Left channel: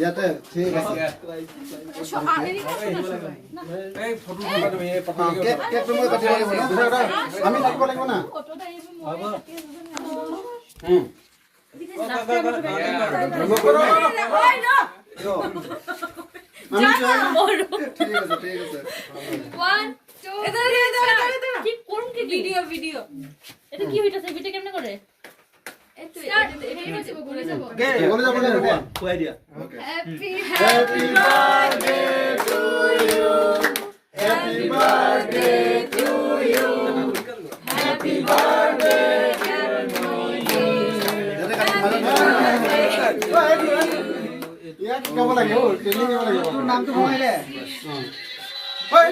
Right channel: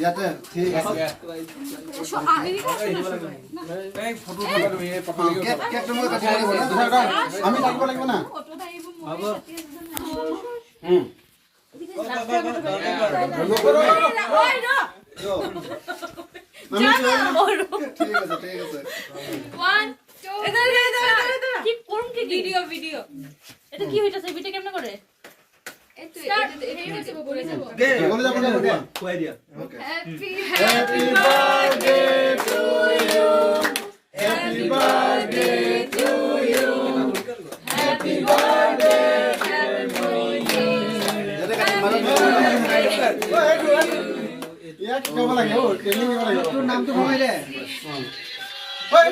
ইয়াতে ঠিক আছে কেক তুমি কাটিব লাগিব না আমি থাকিব লাগিব না হ'ব ঠিক আছে ঠিক আছে 1 2 কি করুন কি ভিডিও এটা কি হইতাছে ভিডিও কেমনে করে স্টার্ট এই হচ্ছে বলে যাব বলে যাব কই দিয়া okay happy birthday to you happy birthday to you happy birthday to you যেটা কাটি মারা ইয়া কি কব লাগে ও ট্রেনিং নিব লাগে তোর নাম তো ভঙাই দে ওই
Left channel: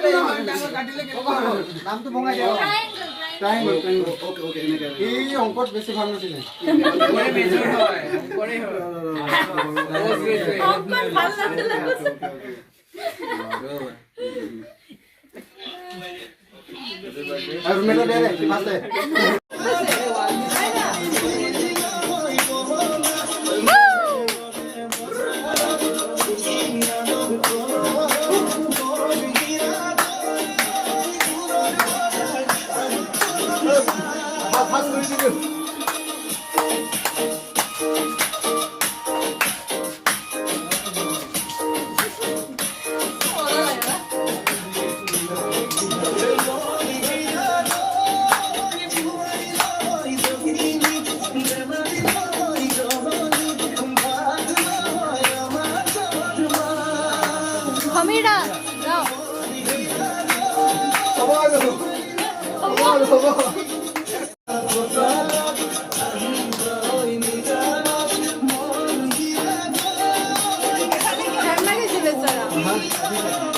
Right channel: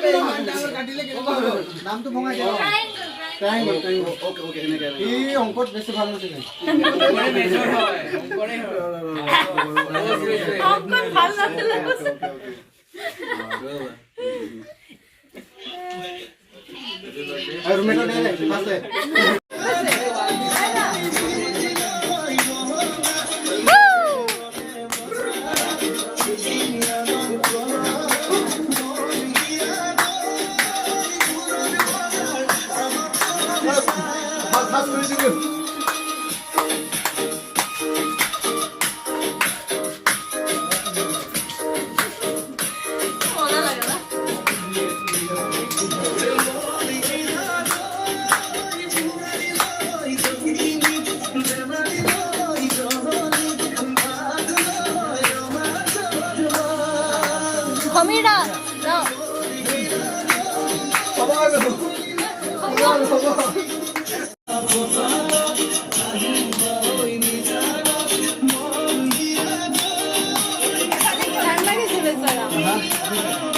কাটিলে কি নাম তো ভঙাই দে ট্রায়াঙ্গল ওকে ওকে এনে এই অঙ্কত বেশি ভালো নছিল অঙ্কন ভালো লাগছিল আর মেটা দে দে পাশে Hamida, no. Sen beni söyle sana.